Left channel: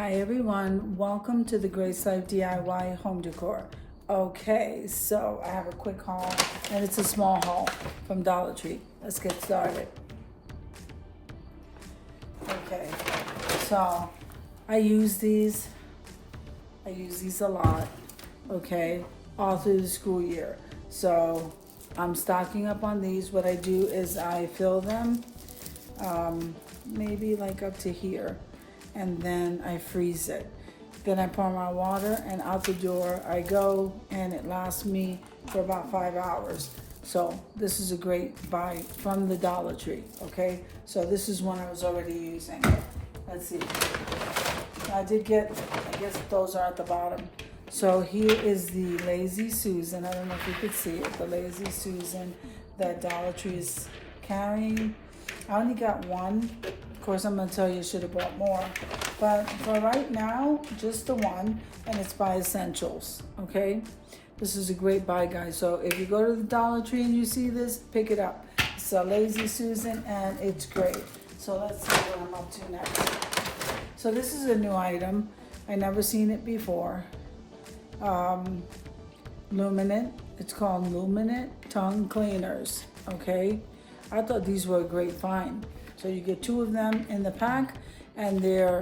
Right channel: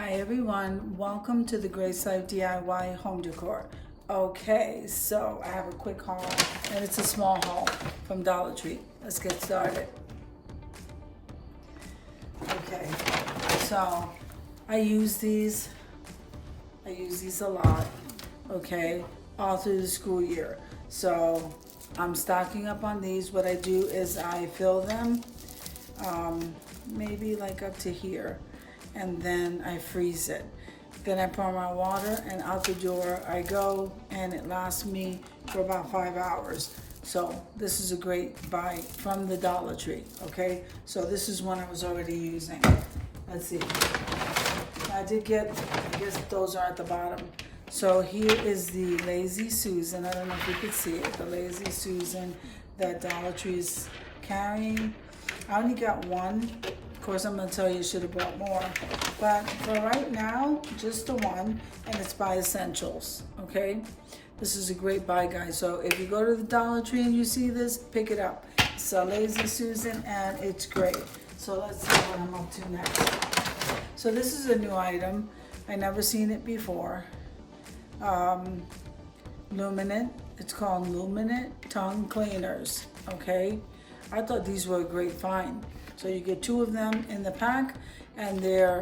Hi everyone, welcome to the Grace Life DIY home decor. Okay, so I have a quick haul and it's a small haul from Dollar Tree. Let's get started. Okay, so I use these a lot, okay, all through the school year. So I'm stocking up on these. What I do is I fill them, maybe like up to here, and then I freeze it. Then I pour my water and out the door I go, and it lasts me for about 5 hours. So this is a great buy from the Dollar Tree, okay? So this is one I was already using. Let's see. I did get, I guess those are at the bottom. So here is the Lazy Susan. I don't know if you could see it, the Lazy Susan that Dollar Tree is carrying. I only got one. Of course, I'm gonna tell you should have bought more. But for right now, just the one, and it's by Essentials, okay? This is a great buy, guys. So if you go to the Dollar Tree and you see this, pick it up. It's a Lazy Susan, and it's great. So let's see what I'm up to next. So this is a new item. I never seen it before. Luminant. It's called Luminant Tongue Cleaners, okay? I thought these were a great find. So you get 2 of them in the pack, and they're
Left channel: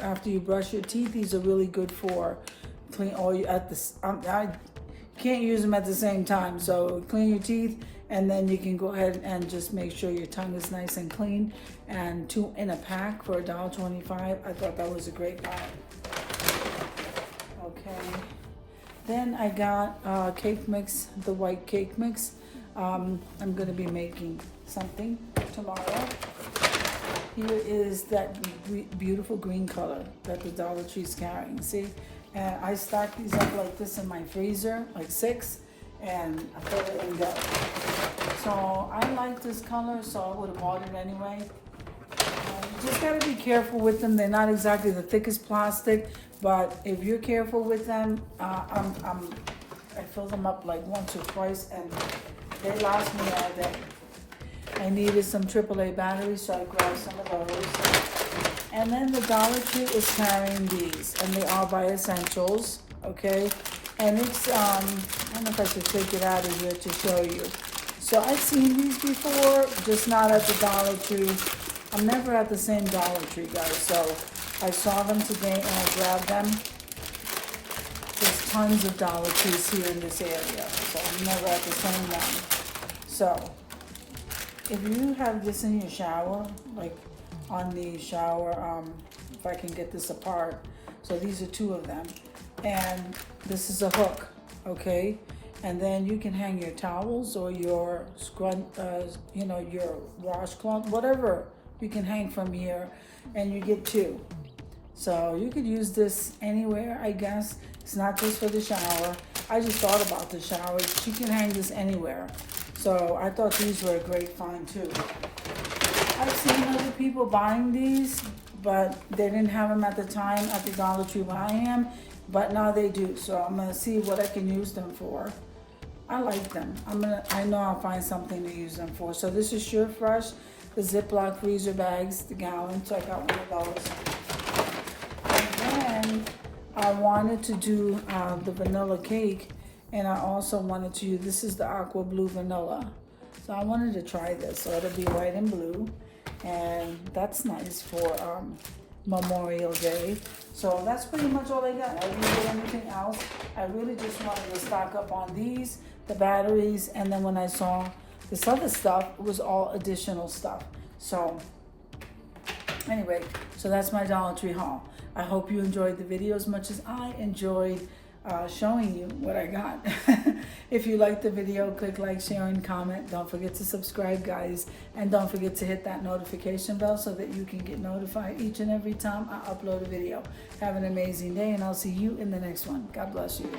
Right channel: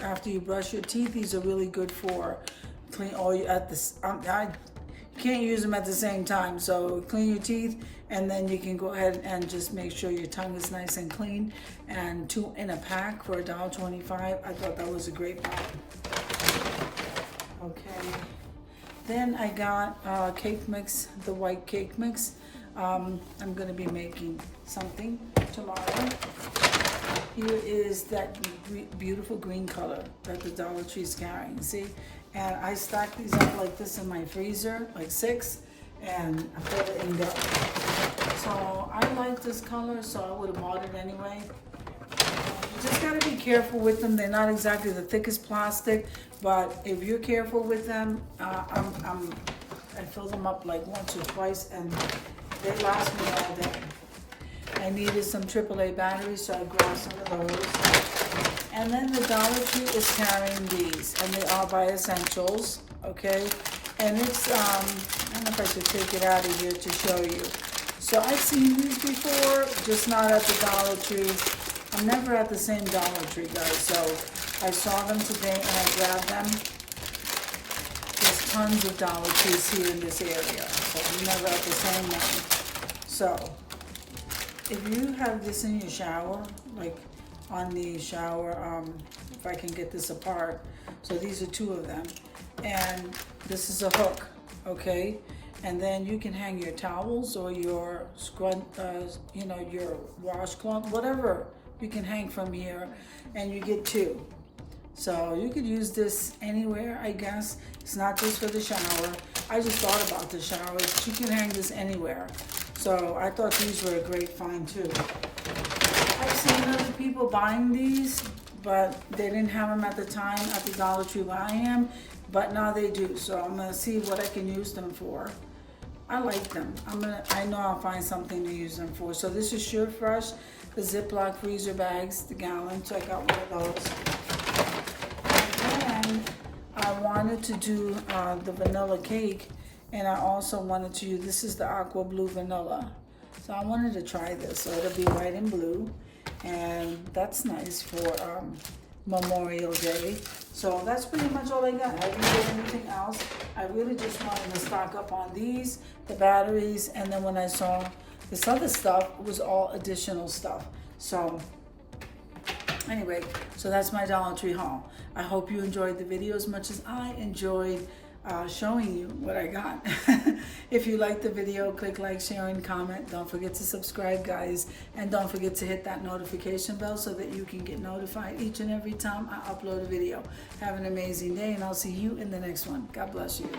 after you brush your teeth, these are really good for clean all you at this. I can't use them at the same time. So clean your teeth, and then you can go ahead and just make sure your tongue is nice and clean. And 2 in a pack for $1.25. I thought that was a great buy. Okay. Then I got cake mix, the white cake mix. I'm gonna be making something tomorrow. Here is that beautiful green color that the Dollar Tree is carrying, see? And I stack these up like this in my freezer, like 6, and I fill it and go. So I like this color, so I would have bought it anyway. You just gotta be careful with them. They're not exactly the thickest plastic, but if you're careful with them, I fill them up like once or twice, and they last me all day. I needed some AAA batteries, so I grabbed some of those. And then the Dollar Tree is carrying these, and they are by Essentials, okay? And it's, I don't know if I should take it out of here to show you. So I've seen these before, just not at the Dollar Tree. I'm never at the same Dollar Tree, guys, so I saw them today and I grabbed them. There's tons of Dollar Trees here in this area, so I'm never at the same one. So if you have this in your shower, like on the shower, if I can get this apart. So these are 2 of them. And this is a hook, okay? And then you can hang your towels or your your washcloth, whatever you can hang from here, and you get 2. So you could use this anywhere, I guess. It's not just for the shower. I just thought about the shower. You can hang this anywhere. So I thought these were a great find too. I've seen other people buying these, but they didn't have them at the time at the Dollar Tree where I am, but now they do. So I'm gonna see what I can use them for. I like them. I know I'll find something to use them for. So this is Sure Fresh, the Ziploc freezer bags, the gallon. So I got one of those. And then I wanted to do the vanilla cake. And I also wanted to use, this is the aqua blue vanilla. So I wanted to try this. So it'll be white and blue. And that's nice for Memorial Day. So that's pretty much all I got. I didn't get anything else. I really just wanted to stock up on these, the batteries, and then when I saw this other stuff, it was all additional stuff. So anyway, so that's my Dollar Tree haul. I hope you enjoyed the video as much as I enjoyed showing you what I got. If you like the video, click like, share, and comment. Don't forget to subscribe, guys, and don't forget to hit that notification bell so that you can get notified each and every time I upload a video. Have an amazing day, and I'll see you in the next one. God bless you.